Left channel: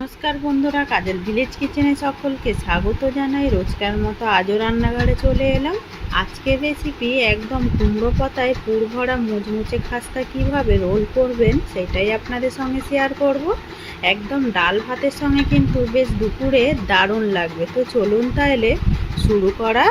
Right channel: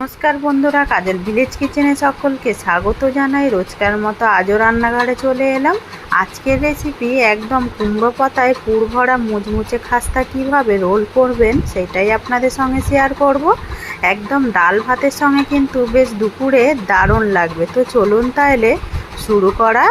নমস্কার বন্ধুরা, কাজল ভিলেজ কিচেনে সকলকে স্বাগত জানাই। রোজকার মতো আজও রান্নাঘরে চলে এলাম। আজকের রেসিপি একদম কুমড়ো পাতায় পুর ভরা মুচমুচে খাস্তা কিভাবে রোল করবেন সেটাই আপনাদের সঙ্গে শেয়ার করব। একদম ডাল ভাতের সঙ্গে কিন্তু বেশ দুপুরে দারুণ লাগবে। তো চলুন তাহলে শুরু করা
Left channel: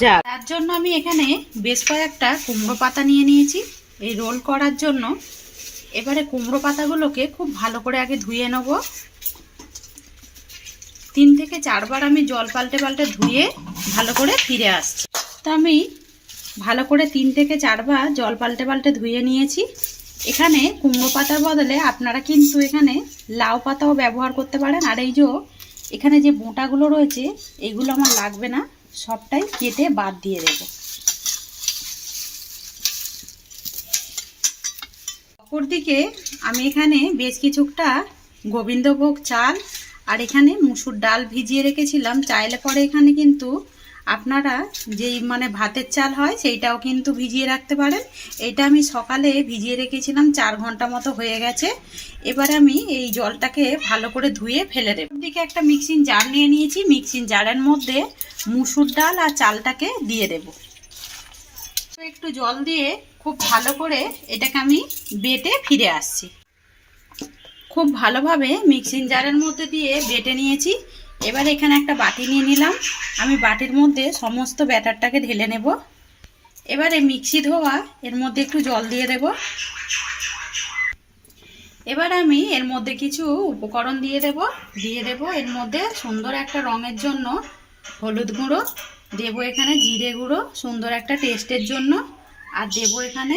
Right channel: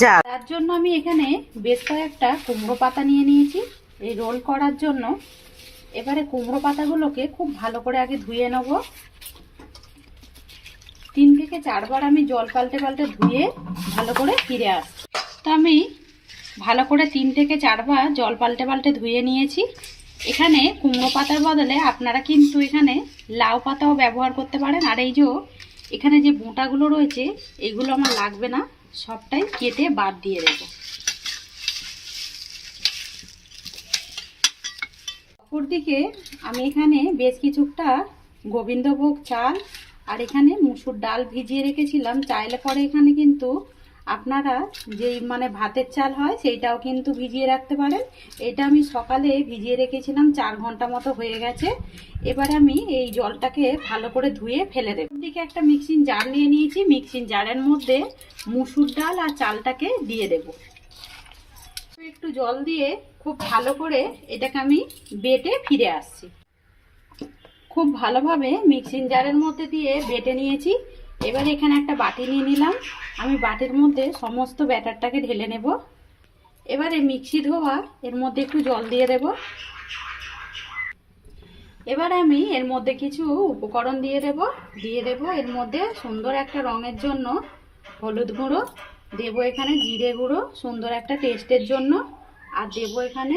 যাক। তার জন্য আমি এখানে বেশ কয়েকটা কুমড়ো পাতা নিয়ে নিয়েছি এই রোল করার জন্য। এবারে কুমড়ো পাতাগুলোকে খুব ভালো করে আগে ধুয়ে নেব। 3 থেকে 4 বার আমি জল পাল্টে পাল্টে ধুয়ে ভালো করে ফিরে আসছি। তো আমি ভালো করে 3 থেকে 4 বার জল পাল্টে পাল্টে ধুয়ে নিয়েছি। এখানে কুমড়ো পাতার বদলে আপনারা কিন্তু এখানে লাউ পাতাও ব্যবহার করতে পারেন। আর এই যে এখানে যে বোঁটাগুলো রয়েছে এগুলো আমার লাগবে না, সবটাই কেটে বাদ দিয়ে দেব। অপরদিকে আমি এখানে বেশ কিছুটা গোবিন্দভোগ চাল আর এখানে মুসুর ডাল ভিজিয়ে রেখেছিলাম। চাইলে পরে এখানে কিন্তু আপনারা যেই ভাতের চাল হয় সেইটাও কিন্তু ভিজিয়ে রাখতে পারেন। এটা আমি সকালে ভিজিয়ে রেখেছিলাম, 4 ঘন্টা মতো হয়ে গেছে। এবার আমি এই জলটাকে ভালো করে ধুয়ে ফেলে দেব। দিকে একটা মিক্সিং জার নিয়ে নিয়েছি, মিক্সিং জারের মধ্যে মুসুর ডাল আর চালটাকে দিয়ে দেব। একটু জল দিয়ে খুব ভালো করে এটাকে আমি বেটে ফিরে আসছি। খুব ভালোভাবে মিক্সিং জারের মধ্যে দিয়ে বেটে নিয়েছি। এবার এখানে একটা বাটি নিয়ে নিলাম। আমি বাটির মধ্যে সমস্ত ব্যাটারটাকে ঢেলে নেব। এবারে মিক্সি ধোয়া এর মধ্যে একটু জল দিয়ে দেব। এবার আমি এর মধ্যে কিছু উপকরণ দিয়ে দেব। এর মধ্যে সুন্দর একটা রঙের জন্য হলুদ গুঁড়ো দেব, এখানে জিরে গুঁড়ো সুন্দর একটা টেস্টের জন্য, আর দেব এখানে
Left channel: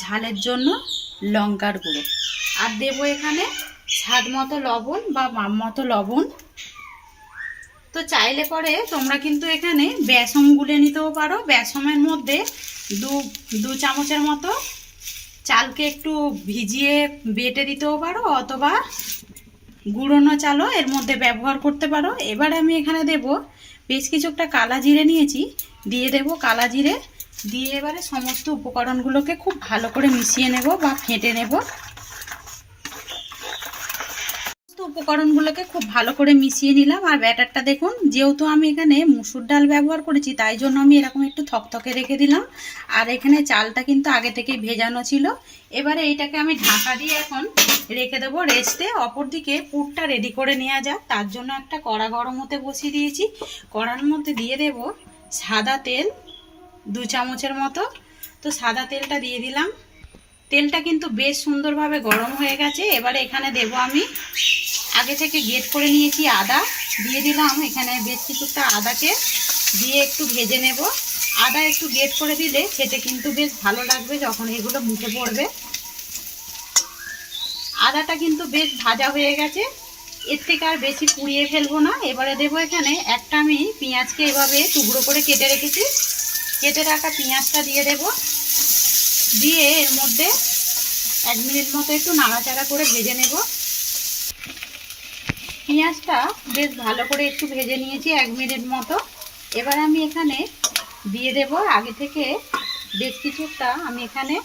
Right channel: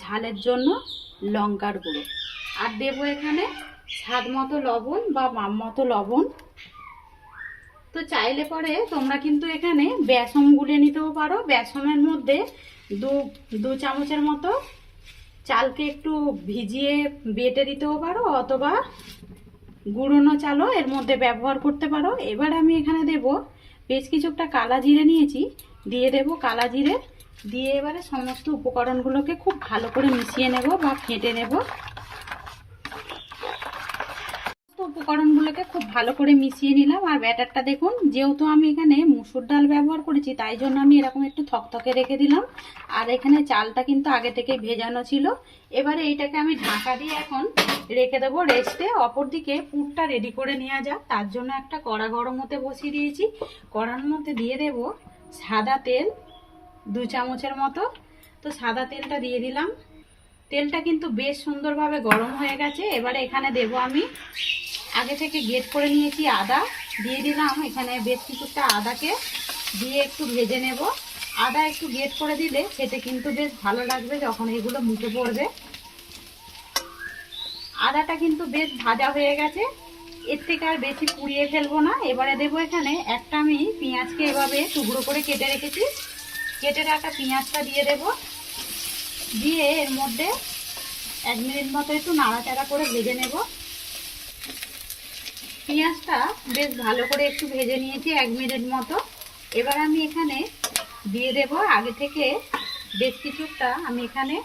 ঝালের জন্য লঙ্কার গুঁড়ো, আর দেব এখানে স্বাদ মতো লবণ বা মাপ মতো লবণ। তো চাইলে পরে তোমরা কিন্তু এখানে বেসন গুলে নিতেও পারো। বেসনের মধ্যে দু চামচের মতো চালকে একটু ভিজিয়ে বেটে দিতেও পারো, অথবা গুঁড়োনো চালও এর মধ্যে ব্যবহার করতে পারো। এবার আমি এখানে দেব বেশ কিছুটা কালা জিরে নিয়েছি, দিয়ে দেব কালা জিরে। দিয়ে এবারে সমস্ত উপকরণগুলোকে খুব ভালো করে মিশিয়ে নেব বা ফেটে নেব। উপকরণগুলোকে খুব ভালো করে মিশিয়ে নিলাম। আর ব্যাটারটা দেখুন, যেহেতু আমি এখানে মুসুর ডাল ব্যবহার করেছি তাই জন্য আমি এরকম একটু থকথকে রেখে দিলাম। আর এখানে চালটা কিন্তু আগে থেকে ভেজানো ছিল। এবারে এইটাকে আমি ঢাকা দিয়ে এখন রেখে দেবো রেস্টে। অপরদিকে পুরটা রেডি করে নেওয়া যাক। তার জন্য একটা কড়া গরম হতে বসিয়ে দিয়েছি। কড়ার মধ্যে দিয়ে দেব সাদা তেল 2 চামচের মতো। তো সাদা তেলটা দিয়ে দিলাম। তেলটা কিন্তু বেশ সুন্দরভাবে গরম হয়ে গেছে। এবারে এখানে দেব আমি আগে থেকে গ্রেট করে নিয়েছি আদা, দিয়ে দিলাম। এখানে বেশ কিছুটা আদাকে দিয়ে একটু ভেজে নেব। আদা একটু গ্রেট করে দিলে খেতে কিন্তু বেশ ভালো লাগবে যখন এগুলো মুখে পড়বে। আদাটা কিন্তু বেশ ভাজা হয়ে গেছে, এর থেকে আর বেশি পুড়িয়ে ফেলবো না। এবারে দেবো এখানে একটা আমি পেঁয়াজকে এভাবে টুকরো করে কেটে রেখেছি, কেটে রাখা পেঁয়াজটা দিয়ে দেব। দিয়ে এর মধ্যে 1 মিনিট মতো একটু নাড়াচাড়া করে ভেজে নেব। পেঁয়াজটা বেশ ভালো করে একটু ভেজে নিয়েছি 1 মিনিট মতো। এবার আমি এখানে দিয়ে দেব আগে থেকে বেশ কিছুটা আমি এখানে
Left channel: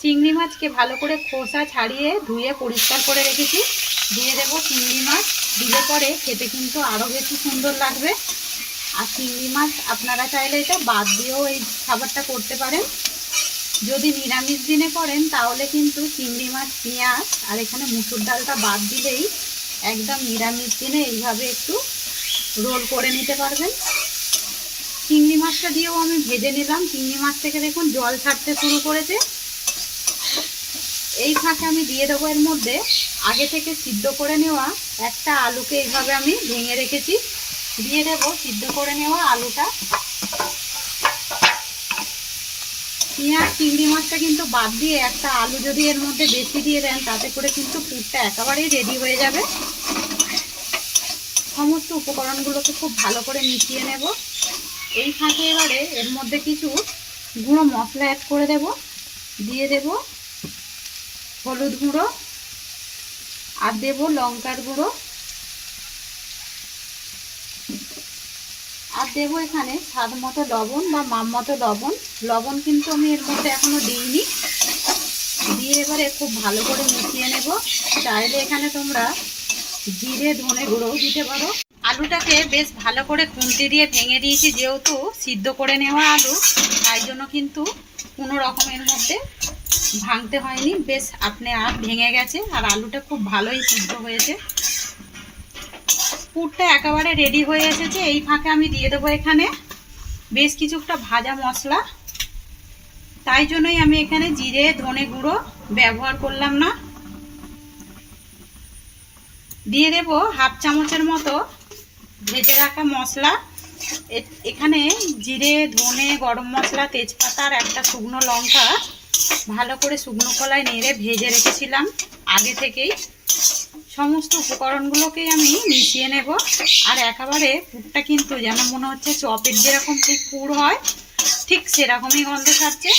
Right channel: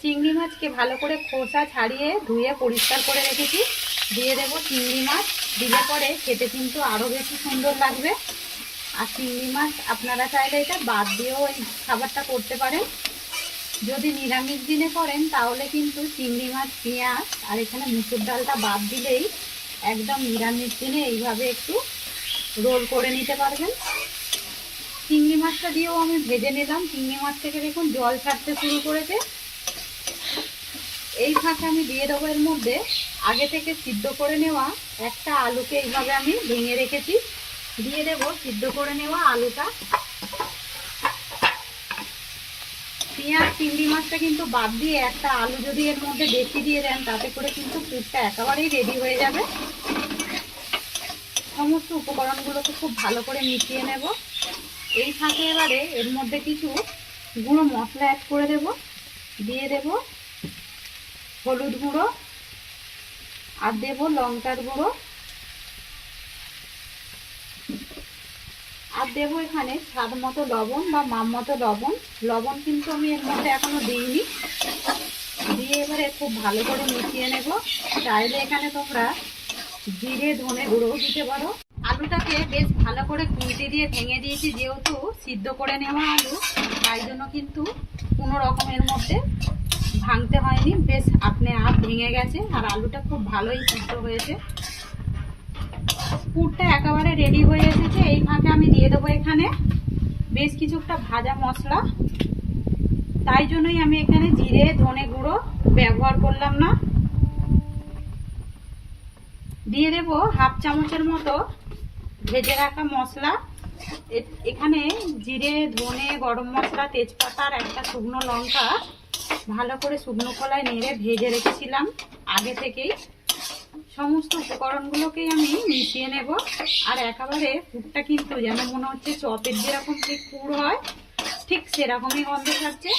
চিংড়ি মাছকে ভালো করে খোসা ছাড়িয়ে ধুয়ে পরিষ্কার করে রেখেছি। দিয়ে দেব চিংড়ি মাছ। দিলে পরে খেতে কিন্তু আরও বেশি সুন্দর লাগবে। আর চিংড়ি মাছ আপনারা চাইলে এটা বাদ দিয়েও এই খাবারটা করতে পারেন। যদি নিরামিষ দিনে করেন তাহলে কিন্তু চিংড়ি মাছ, পেঁয়াজ আর এখানে মুসুর ডালটা বাদ দিলেই একদম নিরামিষ দিনে এইভাবে একটু রোল করে নিতে পারবেন। চিংড়ি মাছটা দিয়েও আমি ভেজে নিলাম। চিংড়ি মাছ থেকে দেখুন জল ছাড়তে শুরু করেছে। এই ফাঁকে আমি দিয়ে দেবো এর মধ্যে আগে থেকে সিদ্ধ করে নেওয়া একটা আলুকে এইভাবে আমি ভেঙে রেখেছি। দিয়ে দেবো সিদ্ধ করে নেওয়া আলুটা। পেঁয়াজ চিংড়ি মাছটা কিন্তু বাদ দিয়ে একটা আলু যদি এর মধ্যে বেশি দিয়ে দেন তাতে করে কিন্তু পুরটা একেবারেই রেডি হয়ে যাবে। সমস্ত উপকরণগুলোকে খুব ভালো করে মিশিয়ে নেব। এই ফাঁকে এবারে এর মধ্যে কিছু গুঁড়ো মশলা অ্যাড করে দেব। দিয়ে দেব হলুদ গুঁড়ো, আর দেব লঙ্কার গুঁড়ো, আর দেবো এখানে স্বাদ মতো লবণ বা মাপ মতো লবণ। লবণ কিন্তু আমি এর মধ্যে এখনো দিইনি। দিয়ে এবারে খুব ভালো করে মিশিয়ে নেব। চাইলে এখানে তোমরা জিরে ধনে গুঁড়োও দিতে পারো। আলুটাকে বেশ ভালো করে খুন্তি দিয়ে ভেঙে দিয়েছি, যেহেতু সিদ্ধ করে নেওয়া আলু, তাই জন্য কিন্তু কোনো রকমের মধ্যে ভাঙতে হয়নি, বেশ আপনি আর ভেঙে গেছে। আর আলুটা খুব ভালোই সিদ্ধ হয়েছে। পুরটা একেবারে রেডি হয়ে এসেছে। এই ফাঁকে আমি দিয়ে দেবো এখানে বেশ কিছুটা ভাজা মশলা। তাই জন্যই আমি এখানে জিরে ধনে গুঁড়ো ব্যবহার করলাম না। দিয়ে দেব হাফ চামচের মতো ভেজে রাখা মশলা। এখানে জিরে ধনে গরম মশলা তেজপাতা আর একটা শুকনো লঙ্কা ভালো করে শুকনো কড়ায় নেড়ে ভেজে রেখেছিলাম আগে থেকেই। সমস্ত উপকরণগুলোকেই আমি মিশিয়ে নেব। আর একেবারে পুরটা কিন্তু যেন মনে হচ্ছে চপের যেরকম ঠিক পুর হয়, ঠিক সেরকমই গন্ধ ছাড়ছে।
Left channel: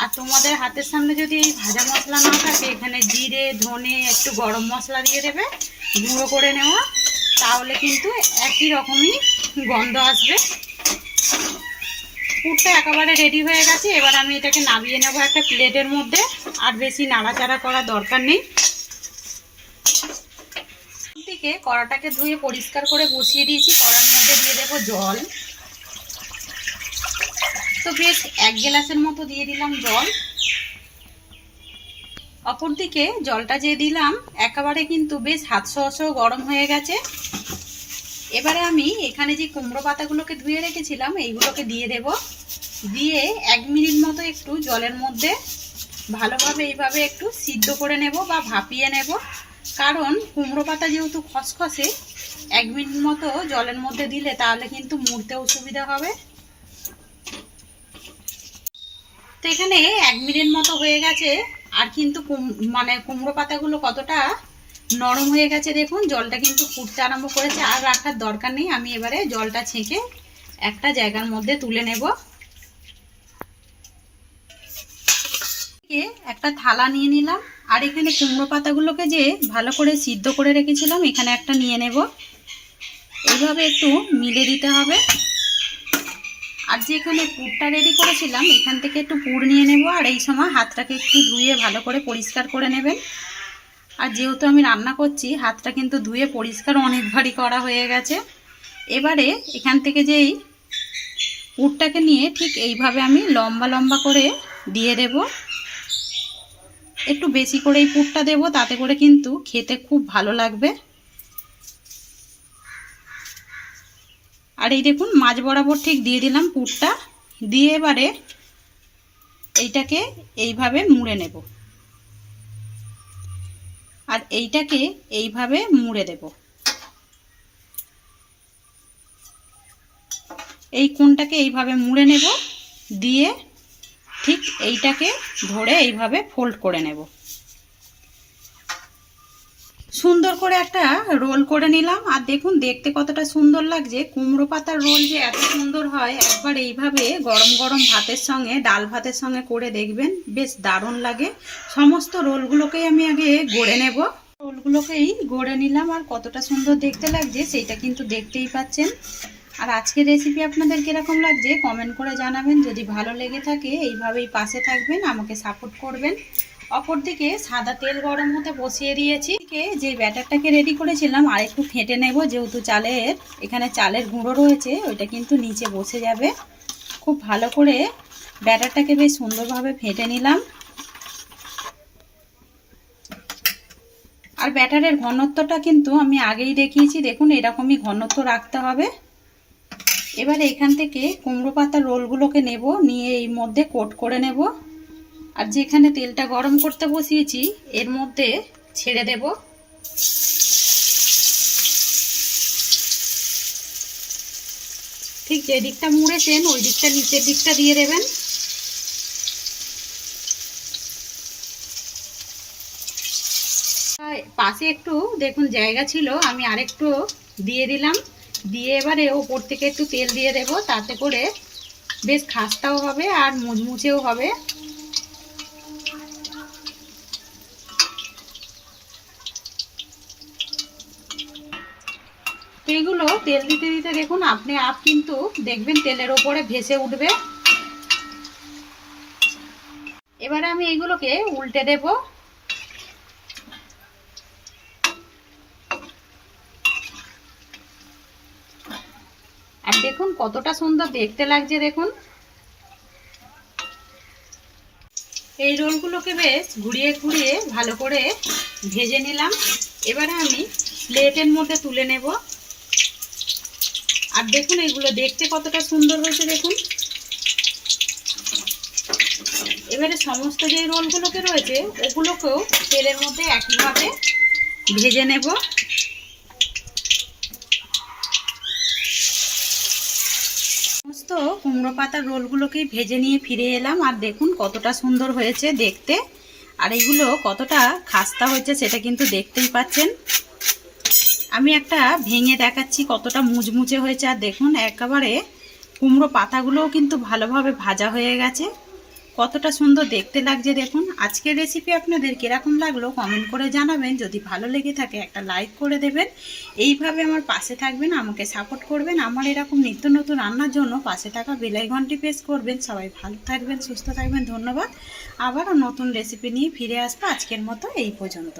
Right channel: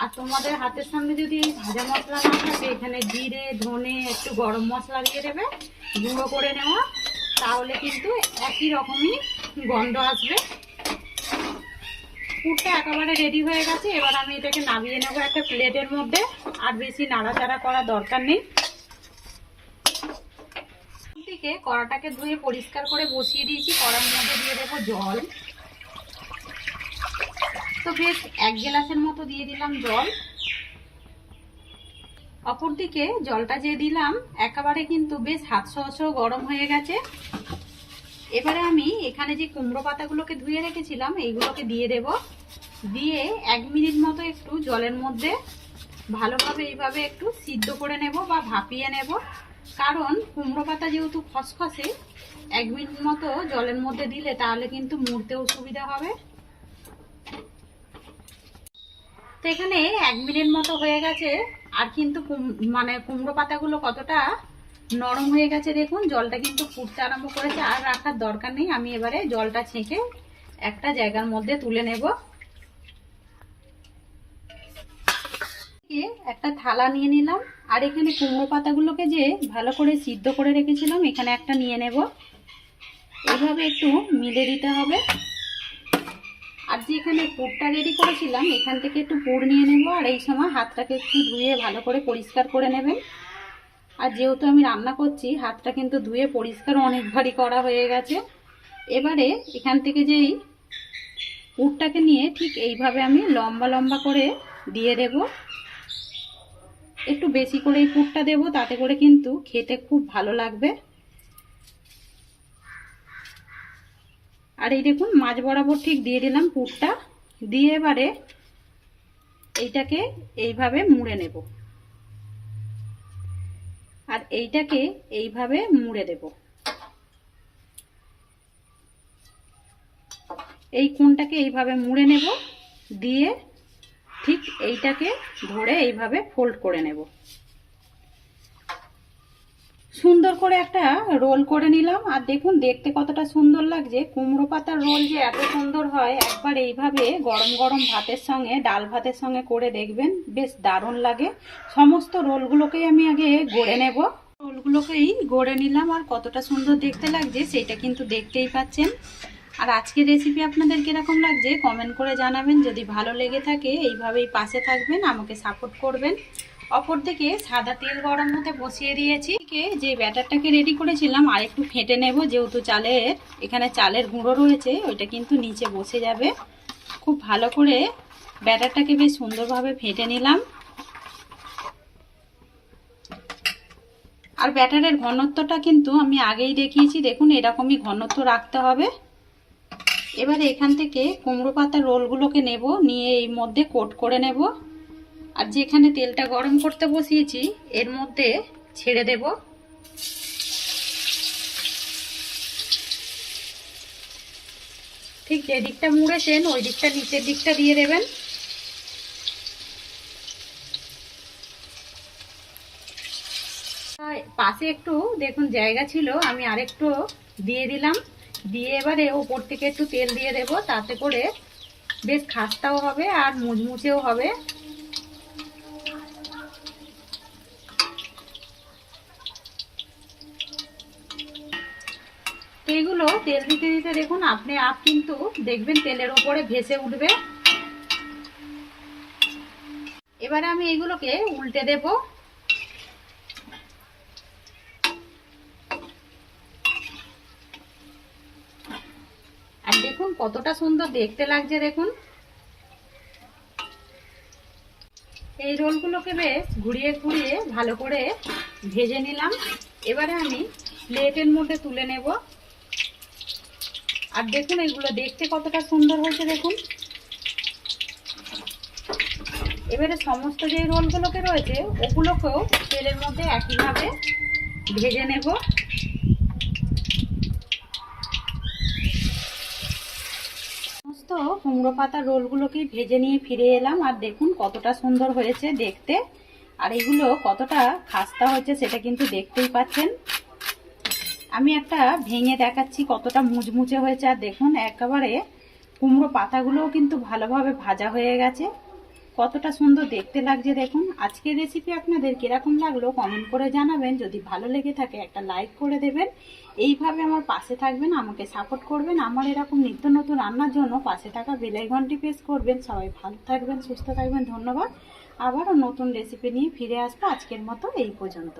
আর তোমাদের হাতের সামনে যদি এই ভাজা মশলা না থাকে, এখানে জিরে ধনে একটু গরম মশলা দিয়ে দেবে গুঁড়ো করে নেওয়া, তাহলে কিন্তু একই রকমই গন্ধ আসবে। পুরটা একেবারে রেডি হয়ে গেছে। এবার আমি এটাকে নামিয়ে নেবো একটা প্লেটের মধ্যে। আর বেশি নাড়াচাড়া করার দরকার নেই। দিকে কড়াটাকে ধুয়ে পরিষ্কার করে বসিয়ে দিয়েছি। কড়ার মধ্যে দিয়ে দেবো জল। তো বেশ 1 গ্লাসের মতো দিয়ে দিলাম জল। অপরদিকে জলটা যে দিলাম একেবারে কিন্তু বেশ হাত সহসহ গরম হয়ে গেছে। এবারে আমি এখানে যে কুমড়ো পাতাগুলোকে ধুয়ে রেখেছিলাম এইগুলোকে দিয়ে দেব। দিয়ে 1 মিনিট মতো একটু জলের মধ্যে ভালোভাবে এইভাবে একটু সিদ্ধ করে নেব বা ভাপিয়ে নেব। কারণ কুমড়ো পাতা যেহেতু খসখসে, 1 মিনিট মতো জলের মধ্যে দিলে তাহলে কিন্তু মুড়তেও সুবিধা হবে। তো এখানে 1 মিনিট মতো হয়ে গেছে। আর কিন্তু কুমড়ো পাতাগুলো কতটা নরম হয়ে গেছে দেখুন। জলটা কিন্তু ফুটতে আরম্ভ করেছে। আর রাখার দরকার নেই। আমি এবারে জলটা ছেঁকে একটা জায়গার মধ্যে তুলে নেব। একটা থালা নিয়ে নিলাম। আর এখানে কুমড়ো পাতাগুলোকে যে ভালো করে সিদ্ধ করে রেখেছিলাম এখানে একটা নিয়ে নেব। এইভাবে একটু মিলে দিতে হবে। আর যে এখানে পুরটা রেডি করেছিলাম এখান থেকে একটু পুর নিয়ে নেব। আর এই সময় হাতটাকে একটু ধুয়ে ভালো করে পরিষ্কার করে নেবেন। আর যেহেতু আমি রান্না করছি, হাতটা কিন্তু ধুয়ে পরিষ্কার অনেকবারই করা হয়ে গেছে। এবারে এখান থেকে যেই পুরটাকে নিয়ে ঠিক এইভাবে আমি লম্বা লম্বা করে দিয়ে দেব। একটু বেশি করে এই পুরটা দেব, তাতে করে কিন্তু খেতে খুব ভালো লাগবে। আর এই দেখুন মাঝ বরাবর ঠিক দিয়ে দিলাম পুরটা। দিয়ে এবারে এইটাকে এইভাবে মুড়ে নেব। আর এইটাকে এইভাবে মুড়ে দেব। এই কোণটাকে এইভাবে মুড়ে নেব। দিয়ে ঠিক এইটাকে ধরে এইভাবে ফোল্ড করে নেব। সুন্দর করে একটা রোল করে নিলাম। আর দেখুন দেখতে কতটা সুন্দর লাগছে। কুমড়ো পাতার রোল যে এত সুন্দর হয়, একবার এইভাবে গরম গরম ভাতের সঙ্গে ডাল ভাতের সঙ্গে করে দেখবেন, বেশ দারুণ লাগে। সমস্ত রোলগুলোকেই আমি আগে গড়ে নেব। রোলগুলোকেই গড়ে নিলাম। আর কতটা সুন্দর দেখতে লাগছে সেটা কিন্তু দেখতেই পাচ্ছেন। আর আজকের রেসিপি আপনাদের কিরকম লাগছে কমেন্ট করে জানাবেন। যদি ভালো লেগে থাকে এইভাবেই পাশে থাকবেন, আমাকে সাপোর্ট করবেন। অপরদিকে সাদা তেল গরম হতে বসিয়ে দিয়েছি। যে ব্যাটারটাকে রেডি করেছিলাম আর একটু ফেটে নেব, যেহেতু এখানে চালের গুঁড়ো রয়েছে, ওইটা কিন্তু নিচে বসে যাবে। খুব ভালো করে ব্যাটারটাকে বেশ সুন্দরভাবে ফেটে নিলাম। আর ব্যাটারের ঘনত্বটা কিন্তু আমি আগেই দেখিয়েছি, দেখুন এরকমই ঘনত্ব রাখতে হবে। এবারে এখান থেকে কুমড়ো পাতার রোলগুলোকে নেব, নিয়ে এই মধ্যে কোট করে নেব। আর যেখানে তেলটা গরম করতে বসিয়েছি এর মধ্যে ছেড়ে দেব। ঠিক যে দিকটা মুড়েছেন ওই দিকটা নিচের দিকটা দিয়ে দেবেন। পাশে একটু দেখুন জায়গা ছিল, আমি আরেকটু দিয়ে দিলাম। দিয়ে এবারে ওপর থেকে একটু তেল দিয়ে দেব, তাতে করে বেশ খাস্তাও হবে আর মুচমুচেও হবে। এইগুলো তেল দিতে দিতে দেখুন আপনি কিন্তু দেখবেন তেলের ওপরে ভেসে উঠবে। এবারে আমি এইগুলোকে উল্টে দেব। দেখুন কতটা সুন্দর দেখতে লাগছে। দেখুন এই রোলগুলোকে বেশ ঘুরিয়ে ঘুরিয়ে ভালো করে ভেজে নিলাম। এবারে আমি প্লেটের মধ্যে তুলে নেব। আর দেখুন এইগুলো দেখতে কতটা সুন্দর হয়েছে দেখুন। এবারে সমস্ত যে রোলগুলোকে রয়েছে ওগুলোকেও তেলের মধ্যে একইভাবে ভেজে নেব। সমস্ত কুমড়ো পাতার রোলগুলোকেই ভেজে নিয়ে ফিরে এলাম। আর দেখুন কতটা সুন্দর হয়েছে দেখতে, আর এগুলো কতটা খাস্তা হয়েছে সেটা কিন্তু দেখতেই পাচ্ছেন। আমি একটা ভেঙে দেখাচ্ছি কতটা মুচমুচে হয়েছে। আর দেখুন একেবারে কুমড়ো পাতাগুলোও কিন্তু ভালোভাবে ভাজা হয়ে গেছে, কতটা সুন্দর দেখতে লাগছে দেখুন। আজকের রেসিপি আপনাদের কিরকম লাগলো কমেন্ট করে জানাবেন। যদি ভালো লেগে থাকে একটা লাইক করে দেবেন। এইভাবে আমার পাশে থাকবেন, আমাকে সাপোর্ট করবেন। আমার এরকম নিত্য নতুন রান্নার জন্য পাশে থাকা বেল আইকনটি প্রেস করবেন। সবাই ভালো থাকবেন, সুস্থ থাকবেন। ধন্যবাদ। আবারও নতুন রেসিপি নিয়ে ফিরে আসবো। আজকের মতো এই পর্যন্ত।